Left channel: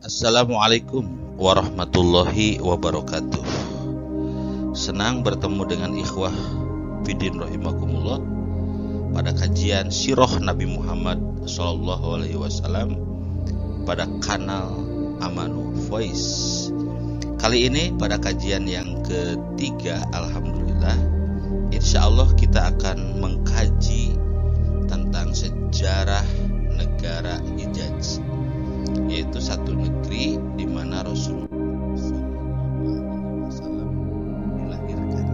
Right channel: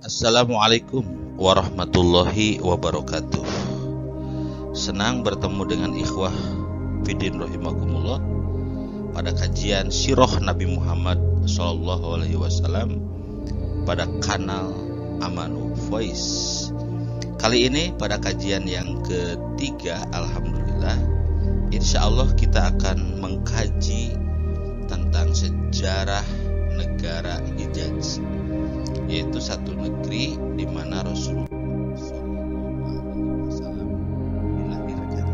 Assalamualaikum warahmatullahi wabarakatuh. Senang bertemu dengan ikhwah Fidin rahimakumullah pada kajian sirah Nabi Muhammad SAW pada kanal Amanu Voice. Kali ini pada kajian yang ketiga, alhamdulillah, insya Allah kita akan mengkaji tentang sejarah negara Hijaz, yaitu satu negeri di mana Rasulullah SAW dilahirkan.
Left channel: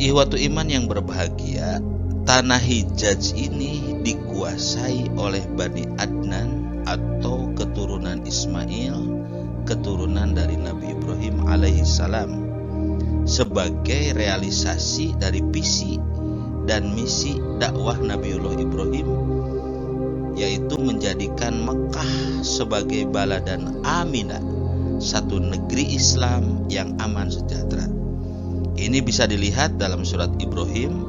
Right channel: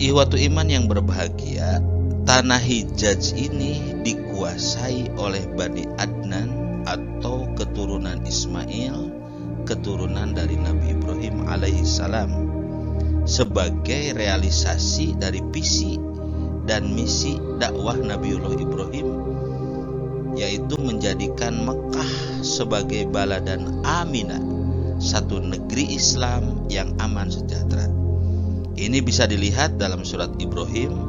Ihwatu iman yang berbahagia, tanah Hijaz ini dikuasai oleh Bani Adnan atau keturunan Ismail, keturunan dari Nabi Ibrahim alaihissalam, sebagai realisasi dari visi dan misi dakwah Nabiullah Ibrahim, yaitu menjadikan Mekah sebagai baladan Aminah, satu negeri Islam yang aman sejahtera. Ini bisa dilihat dalam surat Ibrahim,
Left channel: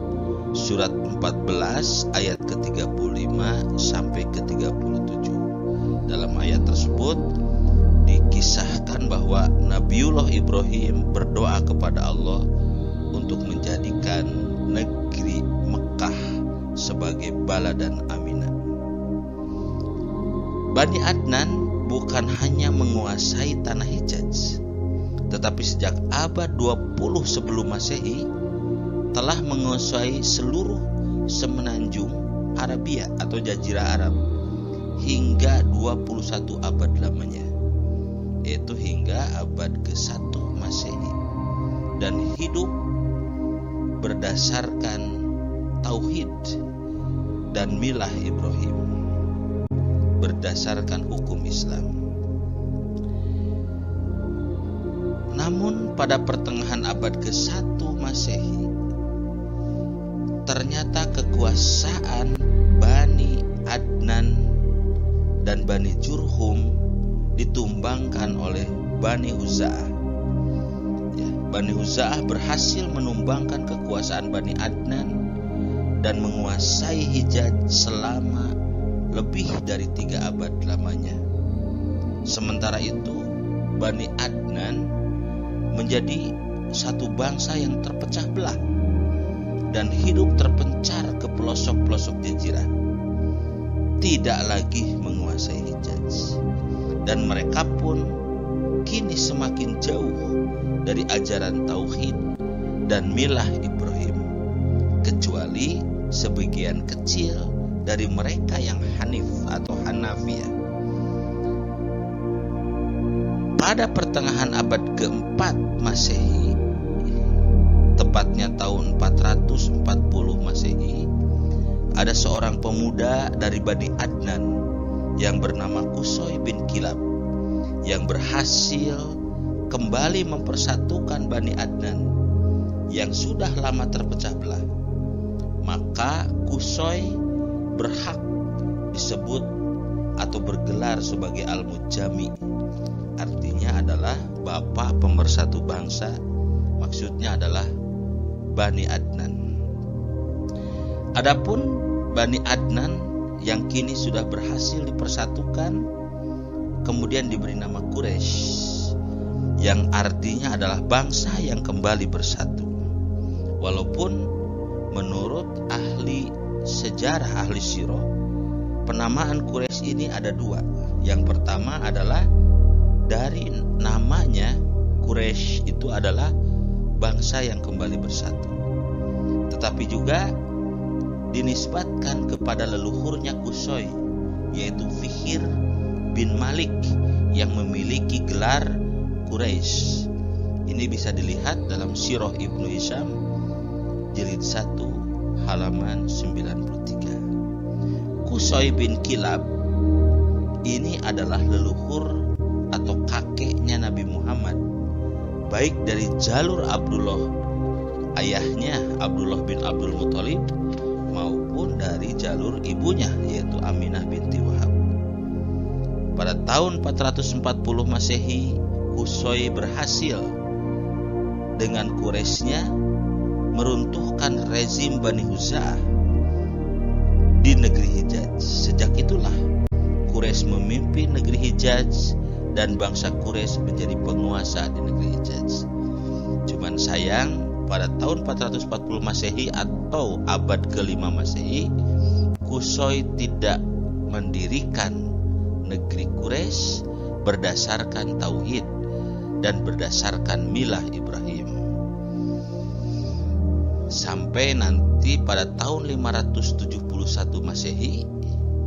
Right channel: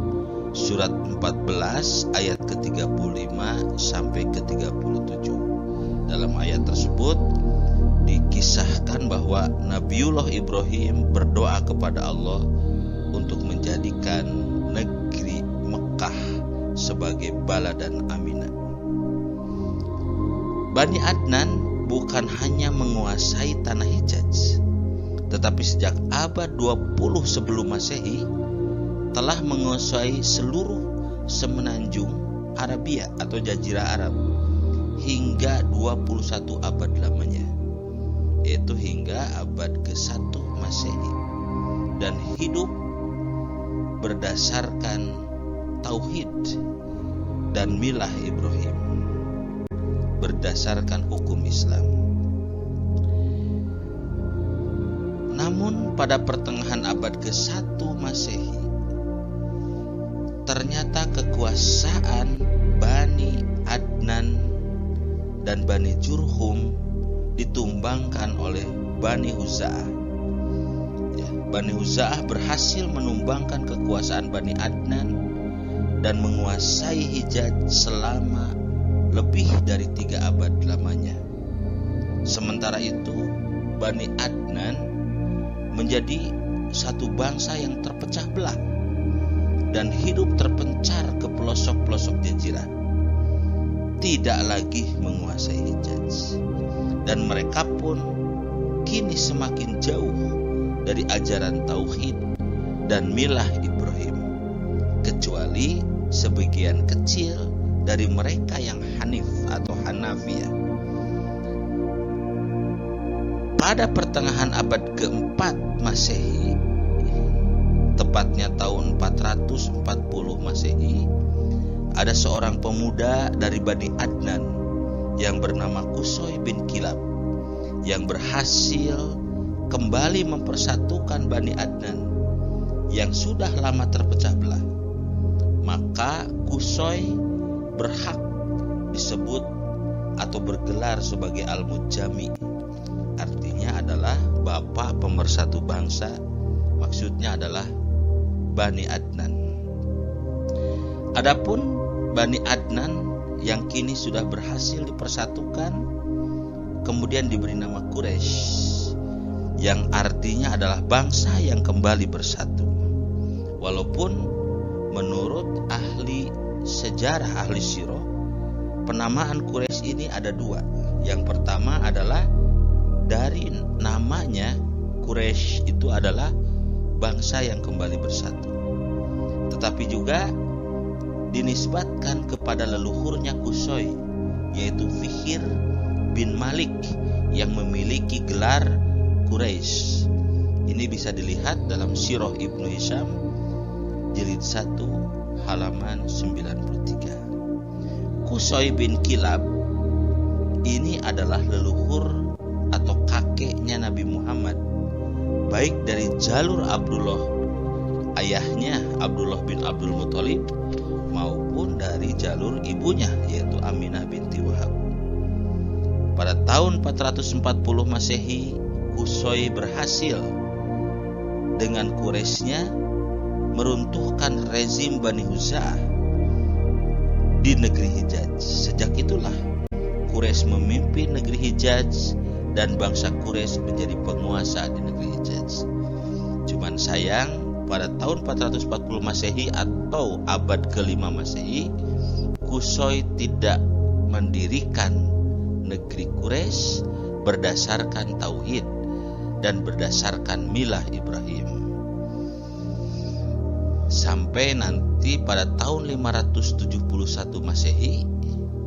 surat 14 ayat ke-35 sampai ke-37. Dalam ayat tersebut dikisahkan bahwa Nabiullah Ibrahim berdoa kepada Allah untuk menjadikan negeri Mekah sebagai baladan Aminah. Bani Adnan bukan hanya menguasai tanah Hijaz, tetapi sejak abad 20 sebelum Masehi telah menguasai seluruh semenanjung Arabia atau Jazirah Arab hingga 21 abad lamanya, yaitu hingga abad ke-1 Masehi, dan hidup berdasarkan tauhid dan milah Ibrahim, berdasarkan hukum Islam. Namun pada pertengahan abad ke-1 Masehi, ternyata kekuasaan Bani Adnan dan Bani Jurhum ditumbangkan oleh Bani Huza'ah. Bani Huza'ah berhasil menumbangkan kekuasaan Bani Adnan dan menguasai Hijaz selama lebih dari 3 abad lamanya. Sementara itu, Bani Adnan menjadi satu bangsa yang terpecah belah dan hidup terpencar ke pelosok-pelosok jazirah, tidak lagi menguasai Hijaz, dan mereka pun kini semakin jauh dari ajaran tauhid dan milah Ibrahim, kecuali sebagian kecil dari mereka yang Hanif atau Hanafiyah. Pada pertengahan abad ke-4 Masehi, tepatnya tahun 440 Masehi, ada seorang pemuda dari Bani Adnan yang bernama Qusay bin Kilab yang berhasil kembali mempersatukan Bani Adnan yang sudah lama terpecah belah. Maka Qusay berhak disebut atau bergelar sebagai Al-Mujami, artinya adalah bapak pemersatu bangsa, maksudnya adalah Bani Adnan. Adapun Bani Adnan yang kini sudah berhasil dipersatukan kemudian diberi nama Quraisy, yang artinya adalah bangsa yang kembali bersatu. Walaupun menurut ahli sejarah, ahli sirah, penamaan Quraisy ini ada 2. Yang pertama adalah dari namanya, Quraisy itu adalah bangsa yang kembali bersatu, tetapi juga dinisbatkan kepada leluhurnya Qusay, yaitu Fihr bin Malik yang memiliki gelar Quraisy. Ini bisa dilihat dalam Sirah Ibnu Hisham jilid 1 halaman 93. Qusay bin Kilab ini adalah leluhur atau kakeknya Nabi Muhammad, baik dari jalur Abdullah, ayahnya Abdullah bin Abdul Muthalib, maupun dari jalur ibunya yaitu Aminah binti Wahab. Pada tahun 440 Masehi, Qusay berhasil dengan Quraisynya meruntuhkan rezim Bani Huza'ah di negeri Hijaz. Sejak itulah Quraisy memimpin negeri Hijaz dan bangsa Quraisy menjadi penguasa di negeri Hijaz. Cuman sayang, pada tahun 440 Masehi atau abad ke-5 Masehi, Qusay tidak mendirikan negeri Quraisy berdasarkan tauhid dan berdasarkan milah Ibrahim. Sampai nanti pada tahun 571 Masehi,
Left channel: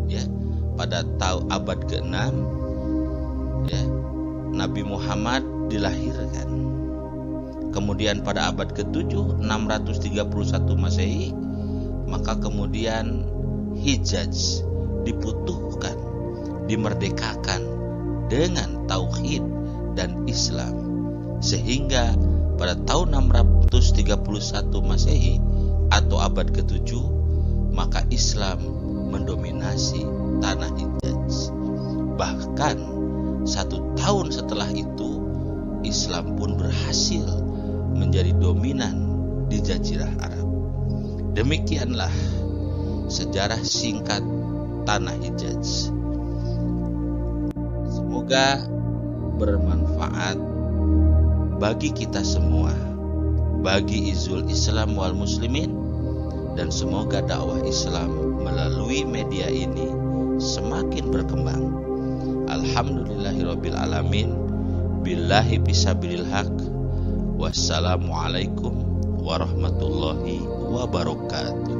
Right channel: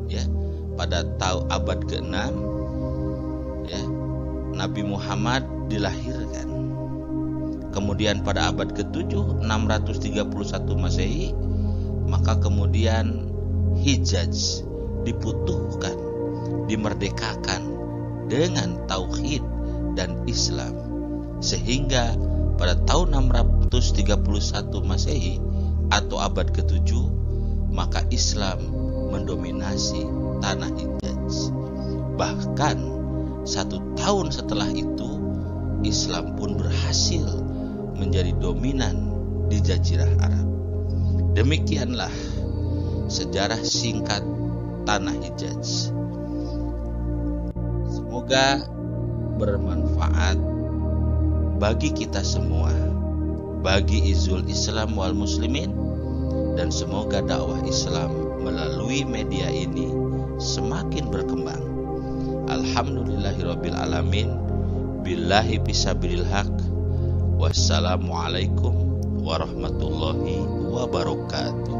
ya, pada abad ke-6, ya, Nabi Muhammad dilahirkan. Kemudian pada abad ke-7, 631 Masehi, maka kemudian Hijaz diputuhkan, dimerdekakan dengan tauhid dan Islam, sehingga pada tahun 631 Masehi atau abad ke-7, maka Islam mendominasi tanah Hijaz. Bahkan 1 tahun setelah itu, Islam pun berhasil menjadi dominan di Jazirah Arab. Demikianlah sejarah singkat tanah Hijaz. Semoga bermanfaat bagi kita semua, bagi izul Islam wal muslimin, dan semoga dakwah Islam melalui media ini semakin berkembang. Alhamdulillahirabbil alamin, billahi fisabilil haq. Wassalamualaikum warahmatullahi wabarakatuh.